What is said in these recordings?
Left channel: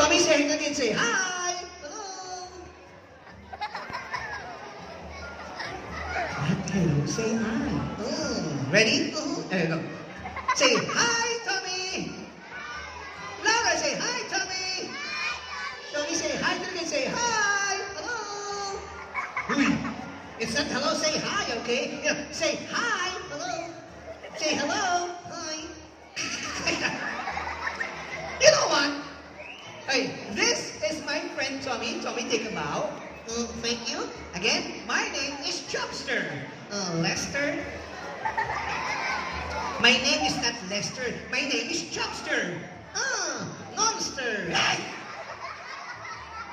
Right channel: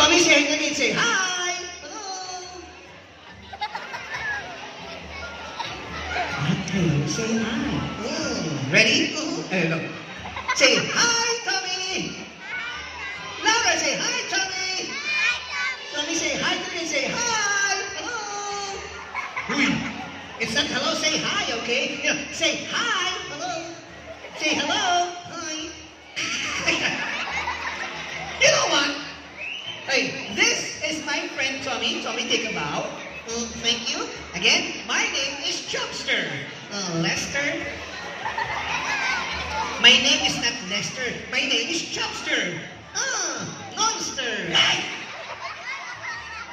Tommy, say it again. Say hi. Hello. Okay, say hi. Ready? Look. Say hi, Tommy. Laura, say hi, Tommy. Tommy, say hi to me. Say hi. Hello. It's not hello. Say hi, okay? Say hi. Hello. Say hello. Hi. You know what? Hey, this is my friend Tommy. Tommy, take a bow. Thank you. Again, my name is Chubster. Lester. My name is not Lester. My name is Chubster. Monster.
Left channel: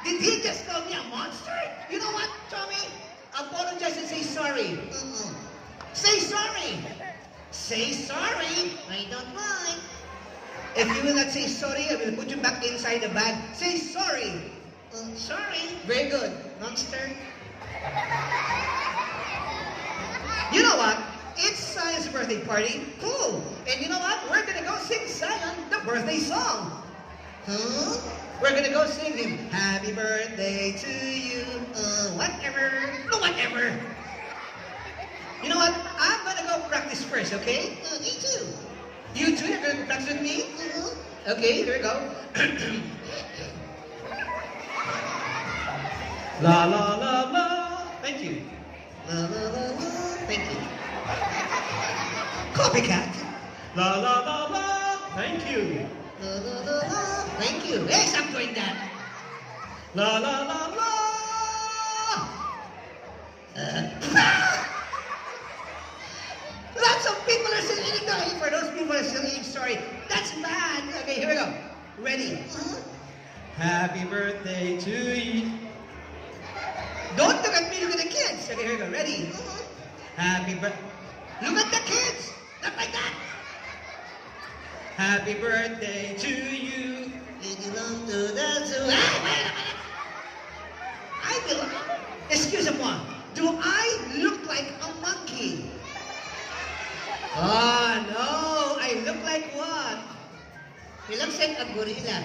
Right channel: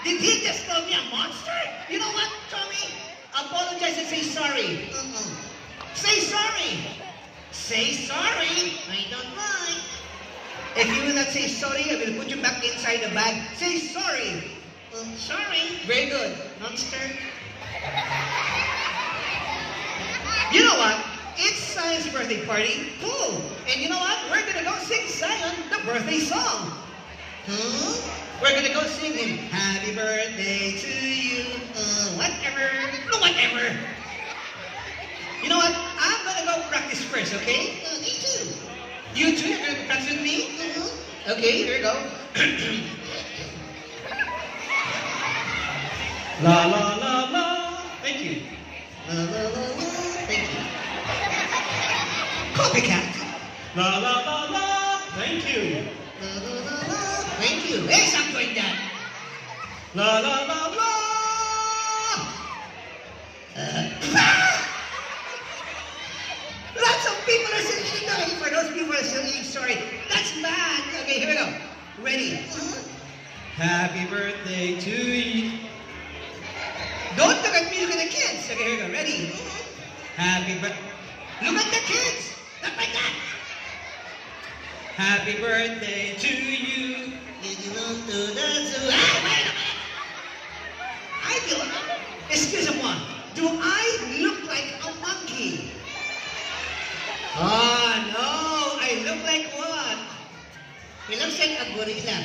Did he just call me a monster? You know what, Tommy? Apologize and say sorry. Say sorry. Say sorry. I don't mind. If you will not say sorry, I will put you back inside the bag. Say sorry. Sorry. Very good. Monster. You know what? It's Zion's birthday party. Cool. And you know what? We're going to go sing Zion the birthday song. We're going to go sing him. Happy birthday to you. Whatever. No, whatever. You know what? I'm going to go practice first, okay? Me too. You too? You're going to practice with me? Okay, here we go. La la la la. Thank you. La la la la. Thank you. Copycat. La la la la. Thank you. La la la la. Thank you. Hey, stop doing that. La la la la. Lots of people are singing. No, for those people who are singing, sorry. That's bad. Okay, here we go. Ready? Happy birthday to you. Don't look at me, look at the kids. Okay, here we go. Ready? Happy birthday. Look at the kids. Look like that. Happy birthday to you. Did you want to dance? I feel. Excuse-moi. Do I look like a monkey? Oh, no. I look like what? He looks like a gorilla.